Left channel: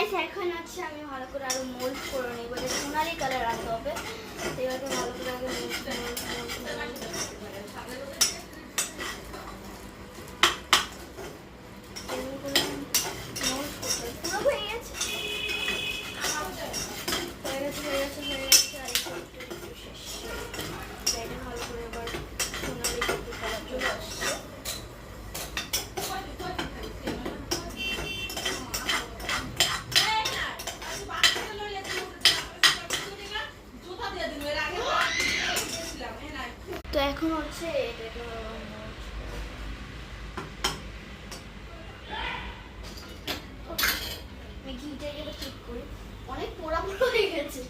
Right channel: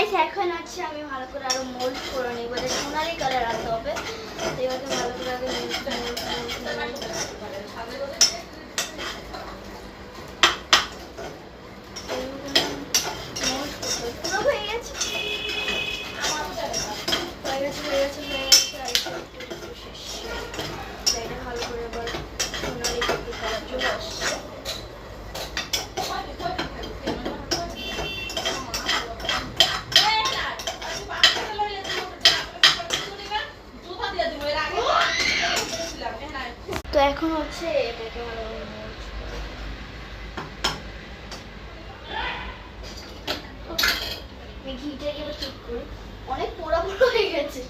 Guys এখন হচ্ছে আমি ভালো করে আরো মোল্ড করে নেব, এটা সোনালি কালার আনতে হবে। এবারে ভালো করে আগে মোল্ড করতে পুরো হয়ে গেছে আর একটু শেষ। এটা ভালো করে আবার সোনালি কালার চলে আসছে। তো এখন হচ্ছে এটাকে আমি ঘিটাকে এবার ঠিক করি। অনেক পোড়া পোড়া হয়ে গেছে,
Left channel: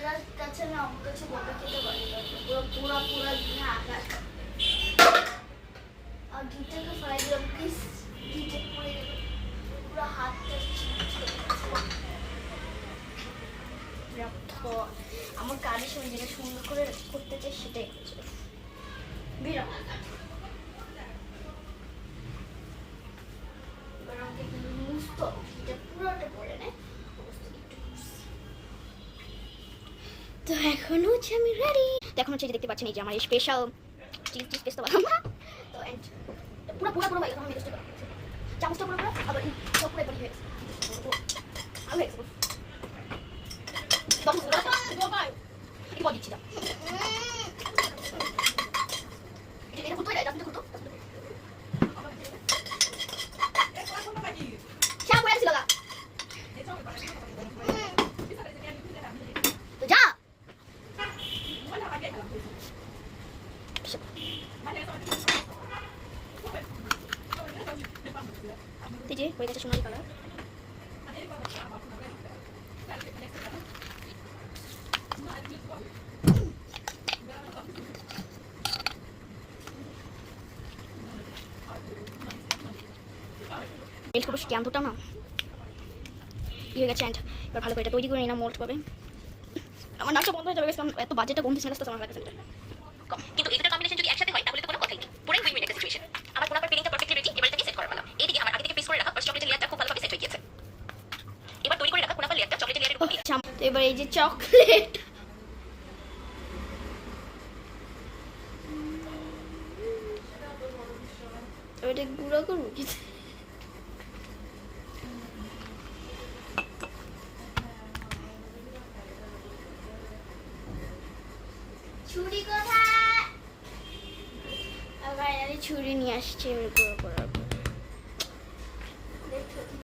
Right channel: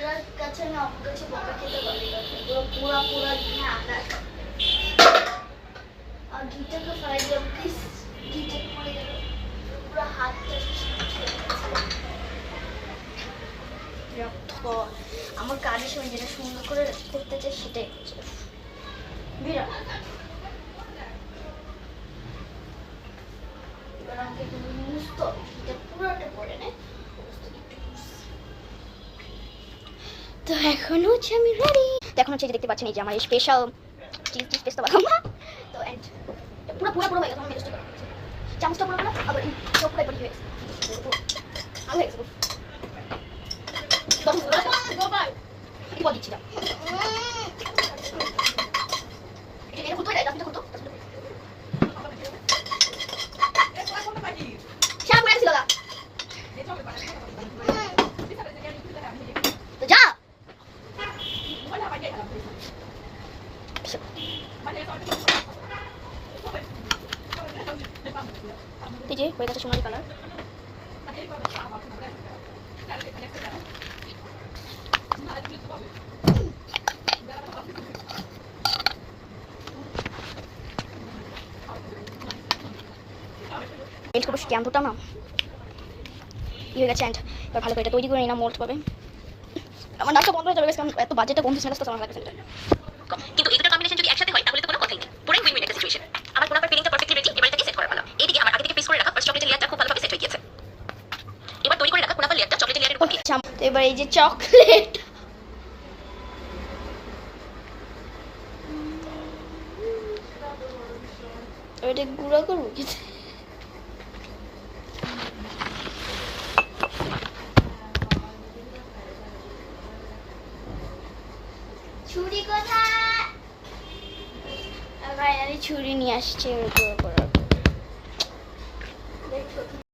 যার কাছে আমি আমার কাছে বকা খেতে পারি পুরো পোড়া পোড়া ঘি আনার। আর ঘিটাকে ফ্রাই দিয়ে প্লিজ ঘিটে পড়ে গেল পুরো হাতটা। আমার কাজের সময় যেটা সুন্দর করে করতে চাই সেটাই হচ্ছে বিরাট। এবার আমাকে মুছতে হবে, এটা পুরোটা পড়ে নেয়। তো এখন হচ্ছে আমি রেডি। তো এখন হচ্ছে দেখতে পাচ্ছেন এই যে আমার স্পেশাল চিজ পেস্তা বানাবো। তো এন্ড পুরো পুরো পুরো হয়ে গেছে। আমি মেজেস্ট করলাম চামচটা পুরো পুরো আবার সব পুরো পড়ে গেছে। আর হয়ে গেছে কি বল দিচ্ছি না এটা কত এটা কত শাক করে ছিল না তো যা এই যে হয়ে গেছে সোনালি কালার। মেল্ট করবো ক্যাম্পটা না হয়ে গেছে। অ্যান্ড এবার ভালো করে এটা তৈরি করে নিলাম মোল্ড পাবে। আমার নাচটা বন্ধ হয়ে যাবে কারণ এত বাজেটটা বন্ধ ছিল আমার লাগে সেটা। কিন্তু এই দুটো কম্বিনেশন যদি একসাথে হয় তাহলে তো কোনো কথাই নেই, পুরো উইন উইন একটা সিচুয়েশন। আমার পুরো ফিলিংটা পারফেক্টলি রেডি, এবার এটাকে সেট করার পালা। এইদিকে আমার আগে থেকে ফ্রিজ করে রাখা ফার্স্ট চকলেটের লেয়ারটা খুব ভালোভাবে সেট হয়ে গিয়েছে। এবার তৈরি করে রাখা কুনাফা লেয়ারটা চকলেটের লেয়ারের উপর দিয়ে। তো এবার এই যে চকলেট এটা গুঁড়ো করবো কি ছুরি কোথায়? ছুরি নিয়ে আসছে।